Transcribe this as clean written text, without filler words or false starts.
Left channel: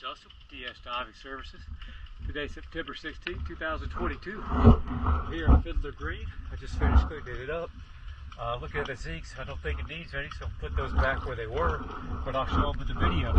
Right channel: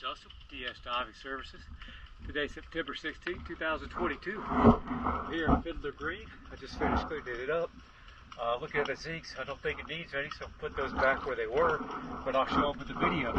Justin, DS Diving Services. Today, September 16, 2022. Here at Fiddler Green. I just finished cleaning it up. Looking at the zincs, I don't think it needs any, so I'll put those back where they were, but I'll show them with the video.